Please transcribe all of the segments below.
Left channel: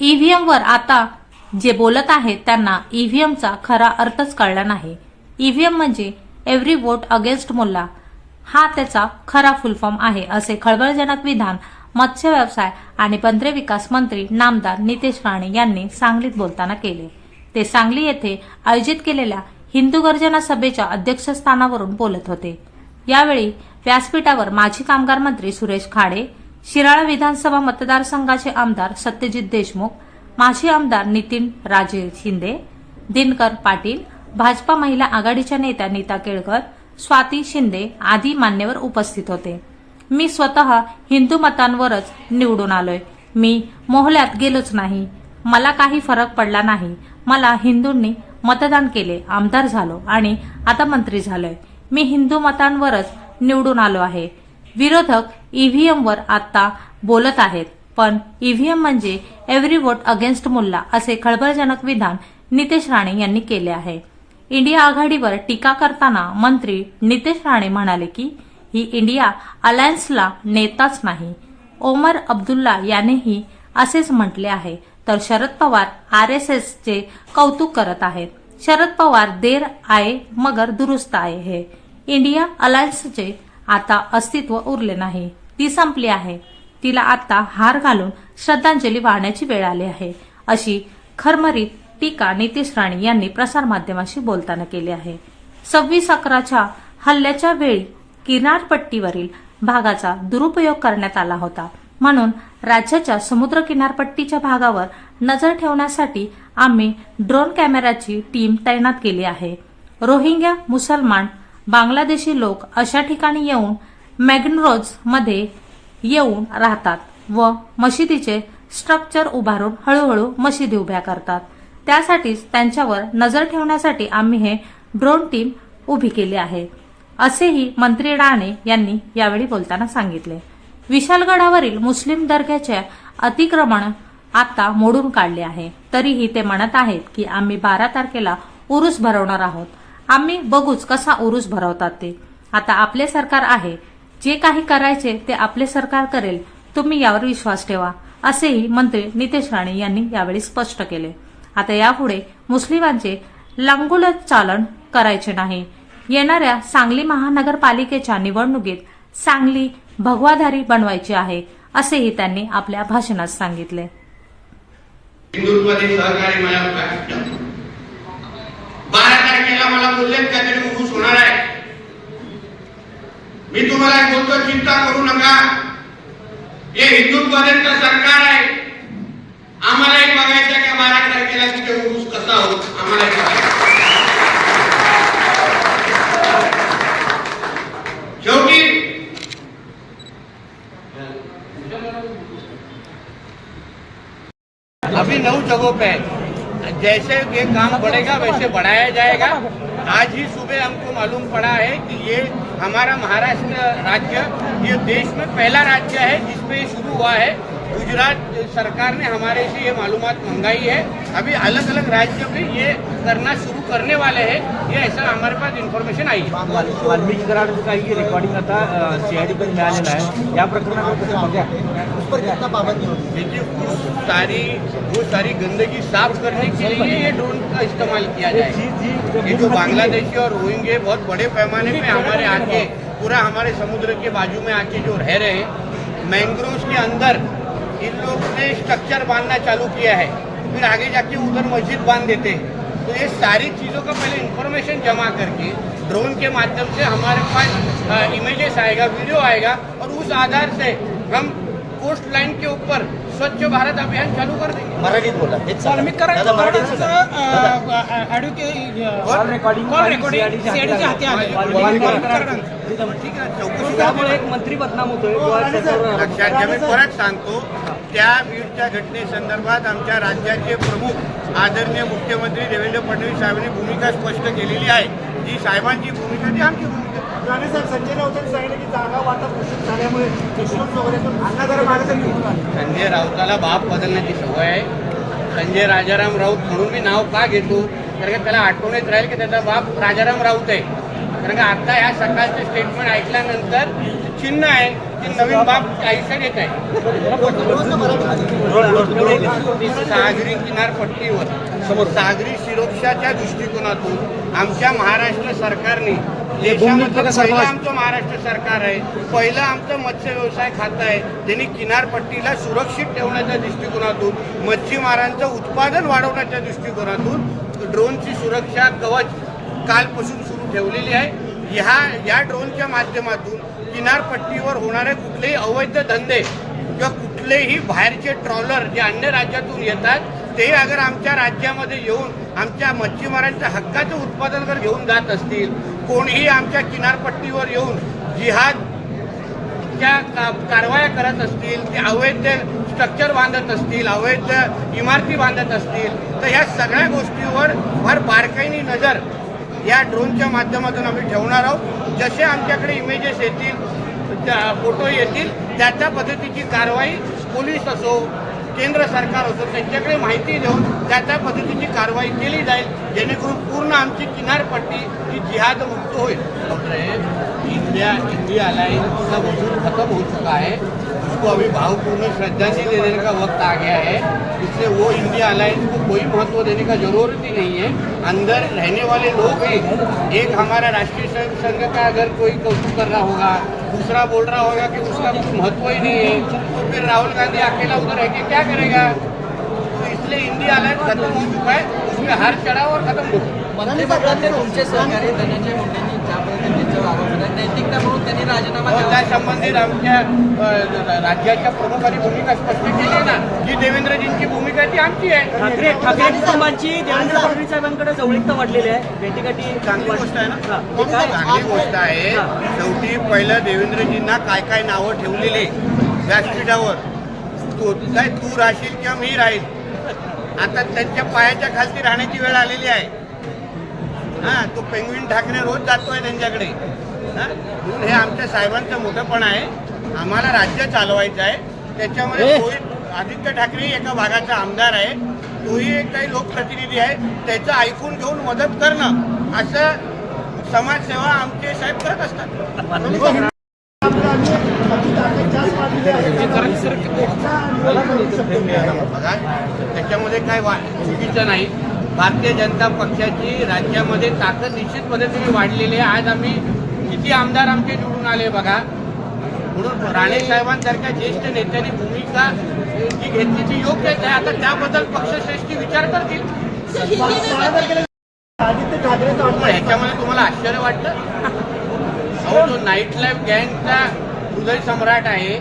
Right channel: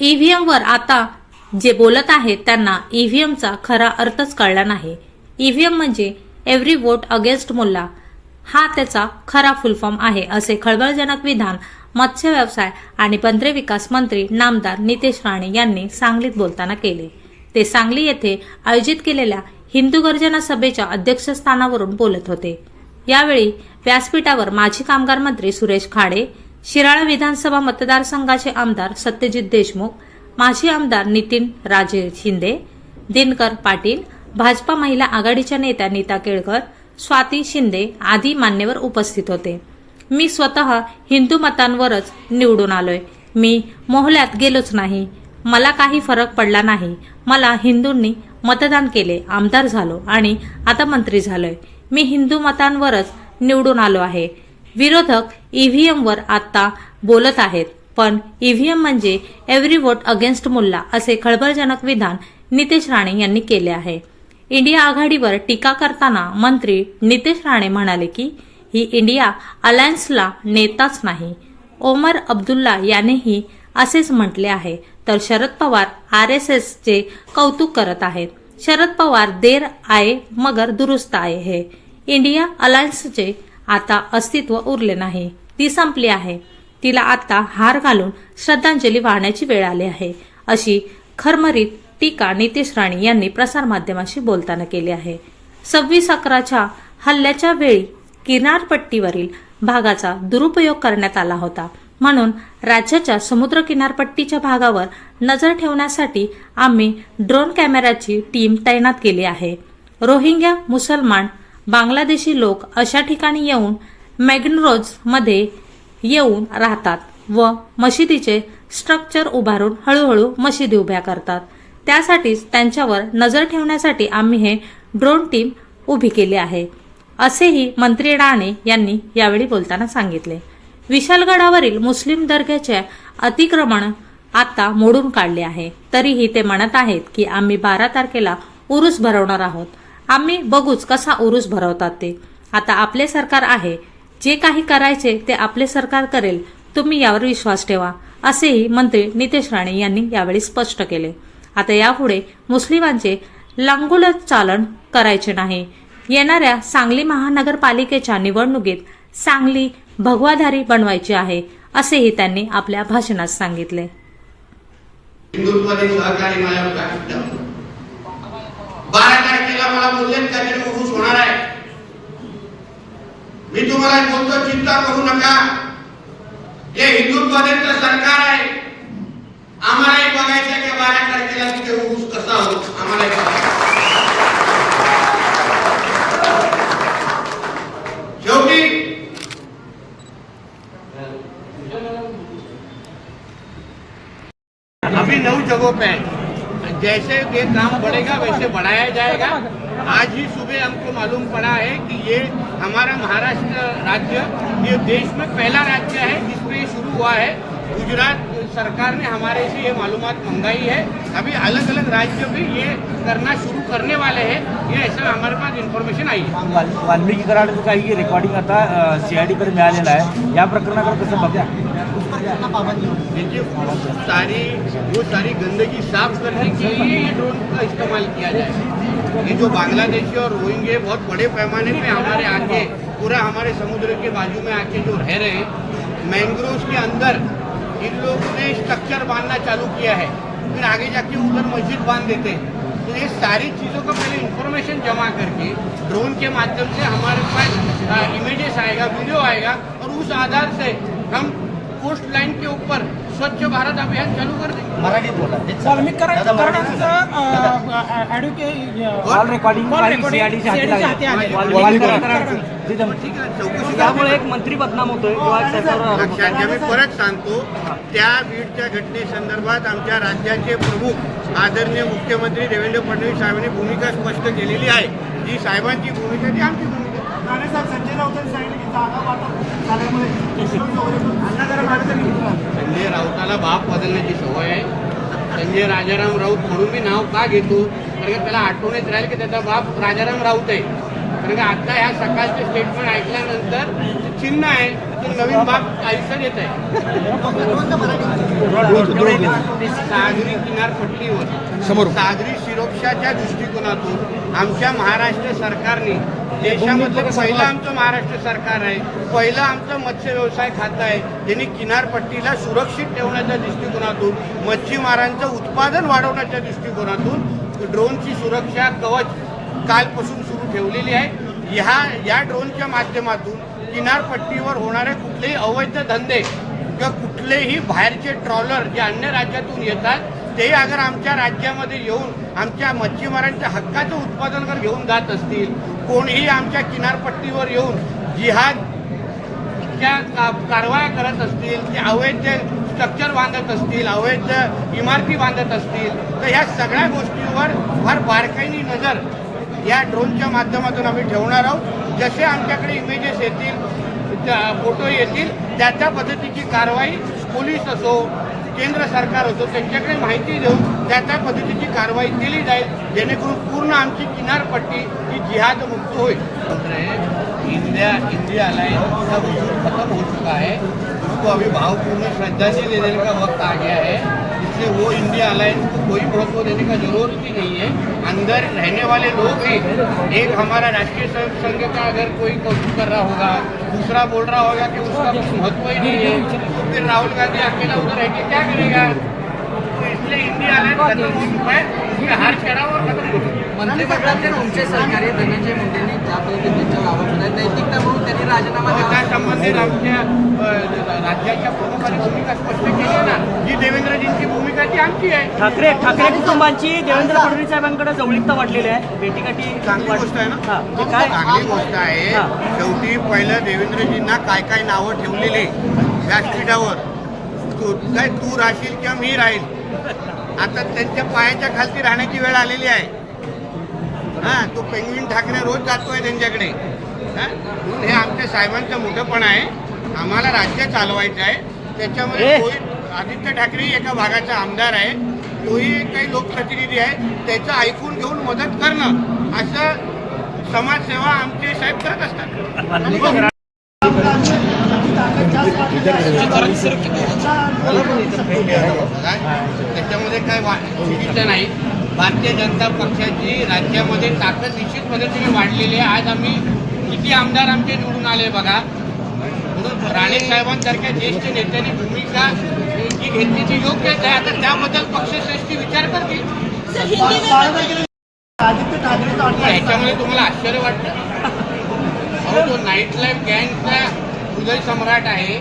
ईव्हीएमवर आता जे बोलत आहेत त्यांना ईव्हीएमचा खरा अर्थच कळला नाही. ईव्हीएम म्हणजे एव्हरी वोट अगेन्स्ट मुल्ला हा त्याचा खरा फुलफॉर्म आहे असे खळबळजनक विधान मत्स्य व्यवसाय आणि बंदरे विकास मंत्री नामदार नितेश राणे यांनी सांगलीत बोलताना केले. ते सांगली येथे आयोजित केलेल्या हिंदू गर्जना सभेच्या अध्यक्षस्थानावरून बोलत होते. यावेळी व्यासपीठावर माजी कामगार मंत्री सुरेश खाडे शिराळा विधानसभा मतदारसंघाचे आमदार सत्यजित देशमुख माजी आमदार नितीन राजे शिंदे दिनकर पाटील भाजपा महिला आघाडीच्या नेत्या नीता केळकर स्वाती शिंदे आदी मान्यवर उपस्थित होते. मी स्वतः हिंदू मतांवरच निवडून आलोय. मी मोहल्यात गेलोच नाही. मला काही फरक पडला नाही. मला हिंदूंनी मतदान केले आमदार झालो आणि आता मंत्री झालोय. मी हिंदू मतांवरच निवडून आलो आहे. विरोधक ईव्हीएमवर आता बोलत आहेत. पण ईव्हीएम म्हणजे एव्हरी वोट अगेन्स्ट मुल्ला असे खळबळजनक विधान नितेश राणे यांनी केले आहे. इंडिया आघाडीवर टीका करताना मंत्री नितेश राणे म्हणाले की ही इंडिया अलायन्सला नेताच नाही. ओमर अब्दुल्ला यानेही असेच म्हटले आहे. तर शरद पवार आर एस एसचे कौतुक करत आहेत. शरद पवार देर आये मगर दुरुस्त आहे हे. इंडिया अलायन्सचे आता अस्तित्व उरले नाही. ती संपली आहे. तिला आता हार घालून श्रद्धांजली वाहण्याची वेळ आली आहे. अशी खरमरीत टीका नितेश राणे यांनी प्रसारमाध्यमाशी बोलताना केली आहे. सव्वीस अकराच्या हल्ल्याच्या वेळी किनारपट्टीवरील भागाचा दुरुपयोग करण्यात आला होता. म्हणून राज्याच्या समुद्र किनारपट्टीच्या भागावर नजर ठेवण्यासाठी आम्ही ड्रोन कॅमेराची टीम तैनात केली आहे. रोहिंग्या मुसलमान बांगलादेशी लोक अशा ठिकाणी येऊन मॅग्नरोजमध्ये येऊन राहतात व मशिदीचे स्ट्रक्चर उभारून हळूहळू मशिदी उभ्या करतात. त्यासाठीच त्यांच्यावर नजर ठेवण्यासाठी आम्ही हे ड्रोन टीम उभी केली आहे. असेही मंत्री राणे यांनी यावेळी बोलताना सांगितले. विशालगडावरील मुस्लिम दर्ग्याचे अतिक्रमण आता मोडून काढले आहे. तरीही ते म्हणत आहेत की आम्ही बारा तारखेला उरूस भरवणार आहोत. आम्ही बघूच कसा उरूस भरवतात ते. आता आपले सरकार आहे. जे काही करायचे ते आपले सरकार करेल. तुम्ही यावर विश्वास ठेवा असेही मंत्री नितेश राणे यांनी यावेळी स्पष्ट केले. आता यापुढे मुस्लिमांचे लांगुलच चालन करायचे नाही. येणाऱ्या सांगली महानगरपालिकेच्या निवडणुकीत सांगली भगवाधारी बनवायची आहे असेही त्यांनी आपल्या भाषणात सांगितले हिंदुत्वाने सहकार्य मला सांगितलं बारा तारखेला मला बोलले त्यासाठी उरूस होणार आहे. मी तुम्हाला बोलतो चिंता करू नका. हे हिंदुत्वाद्यांचं सरकार आहे. आम्हाला आम्हालाही बघायचं की बारा तारखेला तिथे उरूस कसा होत आम्हाला बघायचं शेवटी अभी नऊ जगो पे है। जैसे ये काम बढ़ेगा वैसे बढ़ाया जाएगा। आज ही सुबह हमको मालूम पड़ा है कि ये हमारा महाराष्ट्र राज्य ये देश में पहला राज्य है जिसपे ये शुरू हुआ है। गुजरात सरकार ने हमारे से ये मालूम मंगाई है। अभी अलग अलग राज्यों में ये करना शुरू करने वाले हैं। ये ऐसा हमारे पास इन्फॉर्मेशन आई है। वाल- वाल्मिकी कराड काही रेकॉर्डिंग आता सीआयडीकडे मिळालेलं आहे या प्रकरणाकडे कसं बघा देखिए सारी वो सारी गंदगी साफ़ करने के लिए ये ड्रोन का इस्तेमाल किया जाए। ये जो बांग्लादेशी और रोहिंगे बहुत बड़े पैमाने पे हमारे आके पूरा हमारे समुद्र के बाजू में आके जो रह रहे हैं मैंग्रोव के अंदर इन लोगों ने स्ट्रक्चर बांधना चालू किया है। फिर आगे जाके उधर मस्जिद बांध देते हैं। तो ये सारी चीज़ों का पहले इंफॉर्मेशन जमा करके ड्रोन के माध्यम से हमारे पास इमेजेस आएगा वीडियो आएगा और उस आधार से हम कोस्ट लाइन के ऊपर स्वच्छ भारत अभियान चालू कर एक मंत्री बदनाम होतोय. लक्षात घ्या मी परत सांगतो. त्या बीडच्या घटनेसंदर्भात आमच्या राज्याचे प्रमुख आदरणीय मुख्यमंत्री देवेंद्र फडणवीस साहेबांनी भूमिका स्पष्ट केलेली आहे. जी साहेबांची भूमिका ती आमची भूमिका संजय राऊताला बाप बदलण्याची सवय आहे. संजय राजाराम राऊत म्हणून मी नाव का घेतो? कारण का त्याला आठवणीत राहील की त्याचा बाप राजाराम राऊत आहे. कारण का आता ह्या सकाळचे स्टेटमेंट ऐकल्यानंतर चिन्ह आहे की नवीन बाप काहीसा येत आहे. सागरी किनारपट्टीवर सागरी सुरक्षाच्या दृष्टिकोनातून आमच्या महाराष्ट्र सरकारने देशामध्ये पहिलं आमचं महाराष्ट्र सरकार आहे. पहिलं आमचं मत्स्य व्यवसाय खातं आहे. त्यांनी किनारपट्टीला सुरक्षित ठेवण्याच्या दृष्टिकोनातून मच्छीमारांचं उत्पादन वाढवण्याच्या दृष्टिकोनातून ड्रोनची सुरक्षा कवच कालपासून सुरू ठेवलेली आहे. ह्या या ड्रोनच्या माध्यमातून किनारपट्टीवर होणारे कुठलेही अवैध धंदे किंवा कुठलेही बाहेरचे ट्रॉलर जे अन्य राज्यातून येतात ते अगर आमच्या राज्यामध्ये येऊन आमच्या मच्छीमारांच्या हक्काचं उत्पादन जर घेऊन जात असतील कोणीही आमच्या किनारपट्टीवर येऊन जिहाद का- कारवाया करत असतील ते अवैध स्ट्रक्चर बांधत असतील अवैध इमारती बांधत असतील तर ह्या सगळ्या गोष्टीवर फार बारकाईनी नजर या ड्रोनच्या माध्यमातून आम्ही ठेवणार आहोत. जसे आमच्याकडे इमेजेस येतील फोटो येतील त्या त्या पद्धतीची कारवाई पोलीस असो केंद्र सरकार असो त्यांच्याकडे माहिती देऊन त्या त्या पद्धतीची कारवाई केली जाईल जेणेकरून पूर्ण आमची किनारपट्टी ही जिहाद मुक्त होईल. इंडिया इंडिया का वजूद खत्म हो चुका है उसको अभी भावपूर्ण श्रद्धांजलि देने का वक्त आ गया है, इसलिए वो इंडिया अलायंस को कोई महत्व देने का ज़रूरत ही नहीं है। अंदर रहने वाले लोग ही एक हमारा राष्ट्रीय स्वयं संघ का अगर कोई कौतुक कर रहा होगा, दूसरा बोल रहा होगा कि उसका कुछ महत्व ही नहीं है तो फिर राहुल गांधी अकेला उधर रह के क्या करेगा? तो इसलिए इंडिया अलायंस खत्म हो चुका है, उसमें हर चढ़ाव और खत्म हो चुका है। तुमचे सहकारी धनंजय मुंडेंनी ज्या पद्धतीने वागत होते नैतिकता म्हणून त्यांनी राजीनामा मग दिला. त्या संबंधित आमच्या अ, राज्याच्या प्रमुखांनी भूमिका स्पष्ट केली आहे ना? की देवेंद्रजींची भूमिका ती आमची आहे. ठाकरे ठाकरे कुटुंबांची देवेंद्र फडणवीस साहेबांकडे जवळीकता वाढलेली आहे. भेटीगाठी चांगली गोष्ट आहे ना? हा, काय? चांगली गोष्ट आहे. शेवटी पहिलं देवेंद्रजींना काय काय नावं ठेवलेली व्यासपीठावर तू काय तू राहशील किंवा मी राहील? आता त्यांच्या पायाच्या खालती राहण्याची वेळ आलेली आहे. हा तो पेंगविन ठाकरे रोज जातोय त्यांच्याकडे. हा? म्हणून हे आमच्या साहेबांचं मोठंपण आहे. आम्हाला राज्य चालवायचं आहे. त्याच्यामध्ये तोही आदित्य ठाकरे एका भागाचा आमदार आहे. तोही एक काही लोकप्रतिनिधी आहे. त्याचं ऐकून घेऊन मदत करणं असं समाजसेवा आमचे साहेब करत असतात. त्याच्यामध्ये काय चुकीचं नाही. भारतीय जनता पक्षाची राज्यामध्ये ताकद निश्चित पद्धतीने वाढलेली आहे. आज आम्ही किती आमदार आमचे निवडून आले बघा. म्हणून राणे साहेबांसारख्या ज्येष्ठ नेत्यांनी भूमिका जी घेतली ती योग्य आहे. आता त्याबद्दल पक्षश्रेष्ठी विचार करतील. आदित्य ठाकरे ह्याच्यामध्ये तुम्हाला आश्चर्य वाटलं अहो तो नाईट लाईफ गँगचा हृदय सम्राट आहे.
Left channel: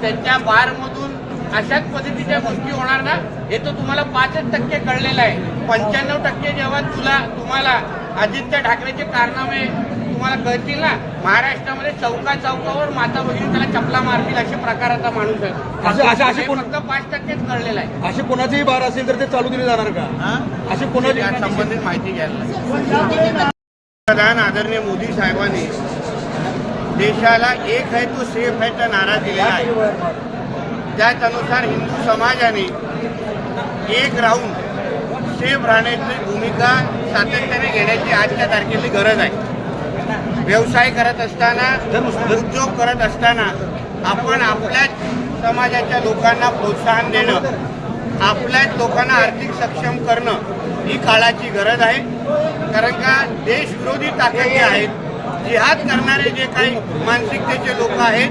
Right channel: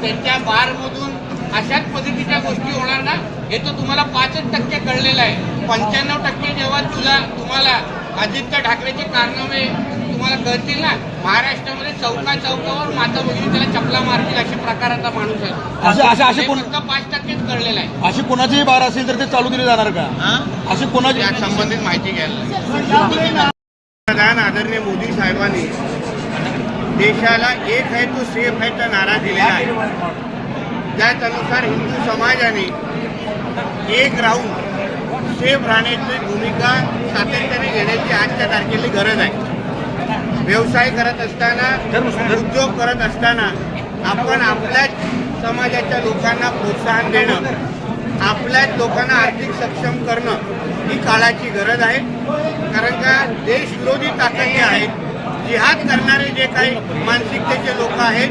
त्यांच्या बारमधून अशाच पद्धतीच्या गोष्टी होणार ना हे तर तुम्हाला पाचच टक्के कळलेलं आहे. पंच्याण्णव टक्के जेव्हा तुला तुम्हाला आदित्य ठाकरेचे कारनामे तुम्हाला कळतील ना महाराष्ट्रामध्ये चौका चौकावर माता भगिनी त्याला चपला मारतील अशा प्रकाराचा माणूस आहे फक्त पाच टक्केच कळलेलं आहे. अशी कोणाचीही बार असेल तर ते चालू केली जाणार का? अशी कोणाची या संबंधित माहिती घ्यायला पंतप्रधान आदरणीय मोदी साहेबांनी देशाला एक है तो सेफ है चा नारा दिलेला आहे. त्याच अनुसार हिंदू समाजाने एक राहून सेफ राहण्याची भूमिका सातत्याने घेण्याची आजच्या तारखेची गरज आहे. व्यवसाय करत असताना उद्योग करत असताना आपण आपल्याच समाजाच्या लोकांना प्रोत्साहन देणं आपल्याच लोकांना आर्थिक सक्षम करणं ही काळाची गरज आहे. कारण का देशविरोधी ताकद जे आहेत जिहाद करणारे जे काही मानसिकतेचे लोक आहेत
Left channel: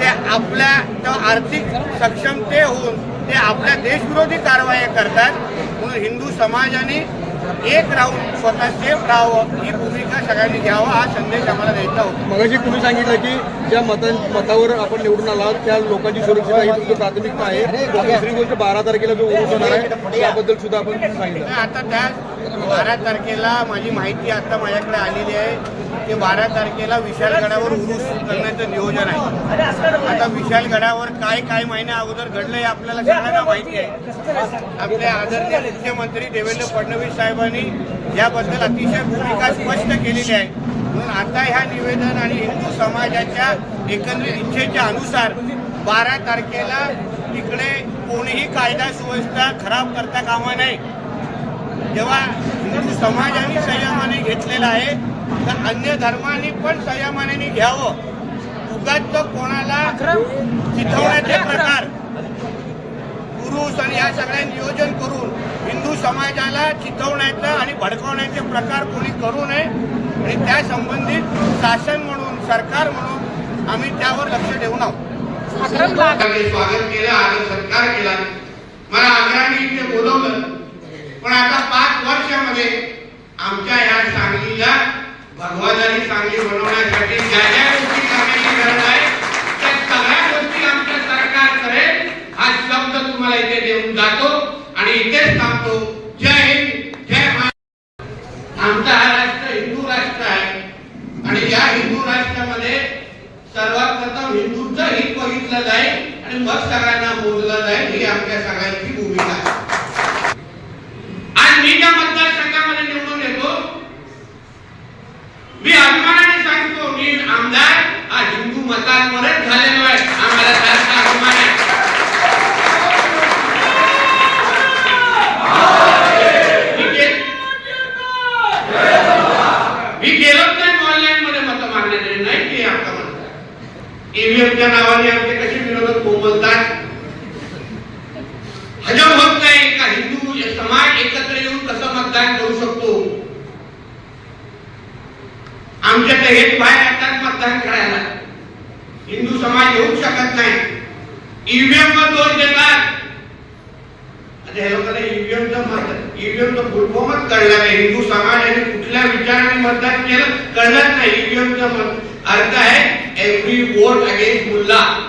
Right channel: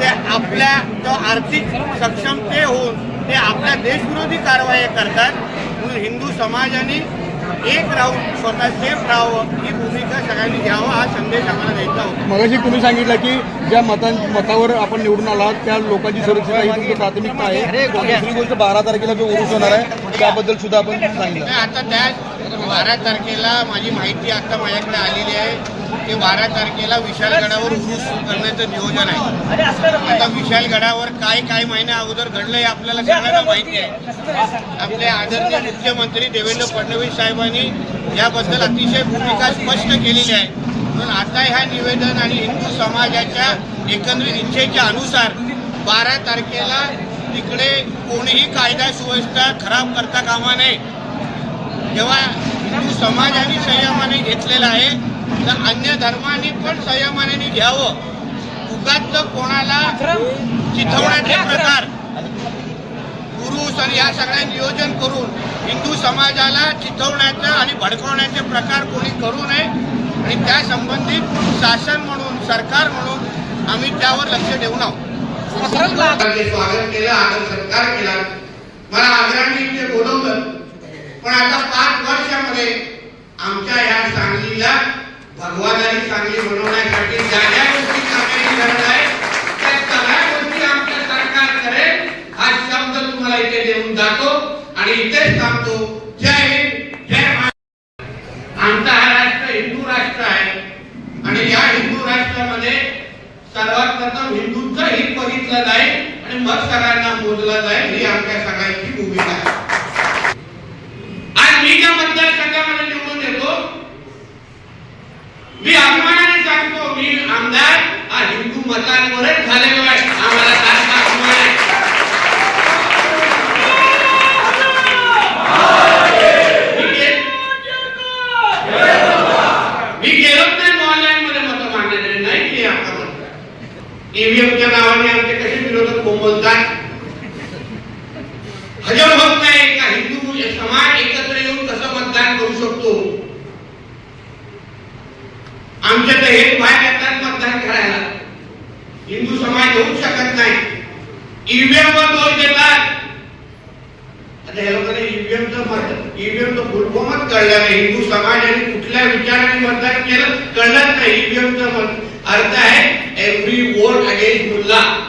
ते आपल्या आर्थिक सक्षमते होऊन ते आपल्या देशविरोधी कारवाया करतात. म्हणून हिंदू समाजाने एक राहून स्वतः सेफ राहावं ही भूमिका सगळ्यांनी घ्यावा हा संदेश आम्हाला द्यायचा होता. मगाशी तुम्ही सांगितलं की ज्या मतां मतावर आपण निवडून आलात त्या लोकांची सुरक्षा ही प्राथमिकता आहे. दुसरी गोष्ट बारा तारखेला जो उरूस होणार आहे त्याबद्दल सुद्धा आपण सांगितलं. आता त्या बारा तारखेला माझी माहिती आता माझ्याकडे आलेली आहे. ते बारा तारखेला विशालगडावर उरूस करण्याचं नियोजन आहे. आता विशालगडावर काय काय महिन्या अगोदर घडलं हे आपल्याला सगळ्यांना माहिती आहे. आपले आदरणीय मुख्यमंत्री देवेंद्र फडणवीस साहेबांनी याबद्दल अतिशय भूमिका स्पष्ट केलेली आहे. म्हणून आता ह्या निवेदन आणि हिंदू समाजाच्या एकंदरीत इच्छेच्या अनुसार बारा तारखेला तिकडे कोणीही कायदा सुव्यवस्था खराब करता कामा नये. जेव्हा हिंदू समाजाने संयमाने घेतलेला आहे तर अन्य धर्माने पण संयमाने घ्यावं. उगाच कोणाला चिथवण्याचे प्रकार. आणि या सगळ्या नियोजन करून हिंदू समाजाला चिथवण्याचं आणि भडकवण्याचे प्रकार कोणी करू नये. आणि त्या संबंधित शासन म्हणून सरकार म्हणून आम्ही त्यावर लक्ष ठेवून आहोत. स्वागत केलं आदर सत्कार केला. मला आग्रहाने इथे बोलवलं. पण आता पाच वर्षामध्ये आमच्या या सांगलीला भगवादारी चांगली बनवण्यासाठी ज्या ज्या गोष्टी करण्याची गरज आहे. त्या सगळ्या गोष्टी आमच्या सरकार करेल. हा शब्द तुम्हाला इथे देऊन जातो आणि इथेच सांगतो जय हिंद जय महाराष्ट्र. आमचा हा राष्ट्र हिंदू राष्ट्र आहे. आणि या हिंदू राष्ट्रामध्ये सर्वात प्रथम हिंदूंचं हित बघितलं जाईल आणि मग सगळ्यांना मोजलं जाईल ही आमच्या सगळ्यांची भूमिका आहे. आज मी ज्या मतदारसंघामध्ये मी अभिमानाने सांगतो मी आमदार हा हिंदू मतांवरच झालेलो आहे. आम्हाला जास्त अभिमान आहे मी गे- मी गेलोच नाही ऑनलाईन मध्ये मतं मांडण्यासाठी नाही की आपण ईव्हीएमच्या नावाने आमचे कसे विरोधक बोलतात हजर होत नाही का हिंदू समाज एकत्र येऊन कसं मतदान करू शकतो आमच्या तर एक बाहेर येतात मतदान करायला. हिंदू समाज होऊ शकत नाही. ईव्हीएम वर दोष देतात. आता या लोकांना ईव्हीएमचं मत ईव्हीएमचं फुलफॉर्मच कळलं नाही. हिंदू समाजाने कुठल्या विचाराने मतदान केलं कळलंच नाही. ईव्हीएमचं मत अर्थ आहे एव्हरी वोट अगेन्स्ट मुल्ला.